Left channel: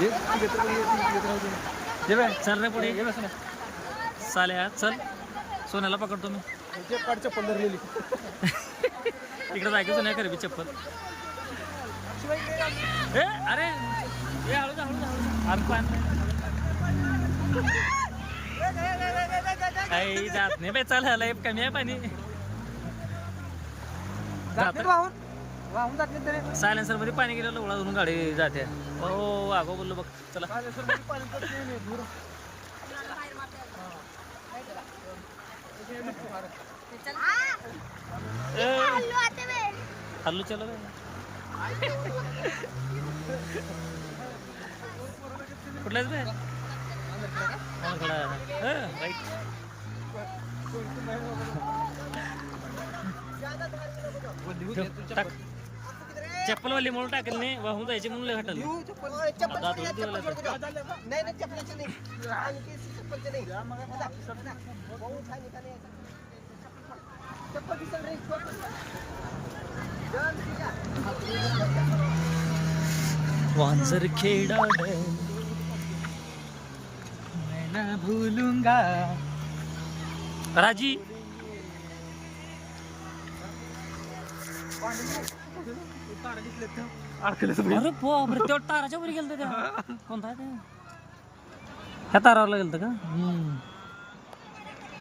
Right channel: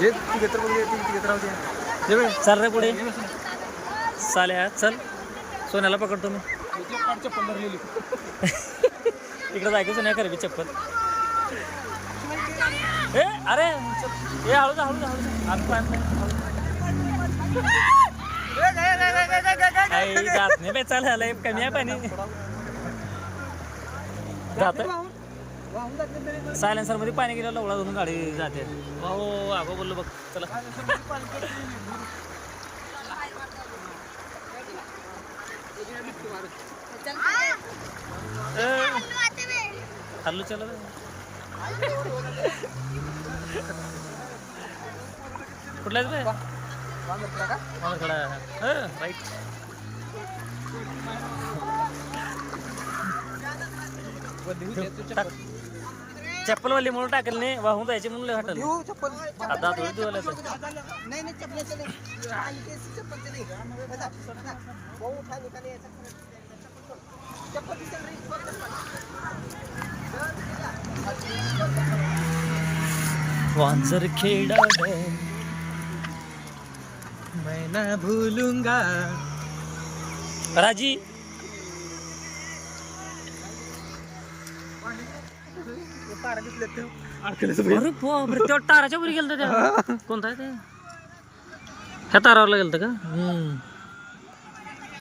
ये तिघ तर बघूया, तिघ राहू दे. ये बाय चल रे पुढे ये ना सोन्या. साल्या चल सोन्याला पकडतो मी याची एक काढ चप्पल धरलेली. तिकडे जायचं सोन्या कर बी चप्पल ए अरे ए हळू जा हळू जा हळू जा आज पाहत नाही काही जात नाही बाई चाल आलंय कमी आहे पाणी जात वाहून जात नाही तरी. सायलेन्सर मध्ये पाणी गेलं लवळा धरून गाडी जाते हो आगो बोललो बघ चला हल्लू चला कुठलाच बे खडा राईट चप्पल वाली म्हणून टाकेल नाही वाहून जायचे म्हणून लय हटल आता थोडी दिवाला वांजर खेड़ा है मैं ना भूलूंगा राजी अरे बापरे त्या ताराच्या वर गेलं त्या कोणता आहे ते ह्या तारावरला गेलं का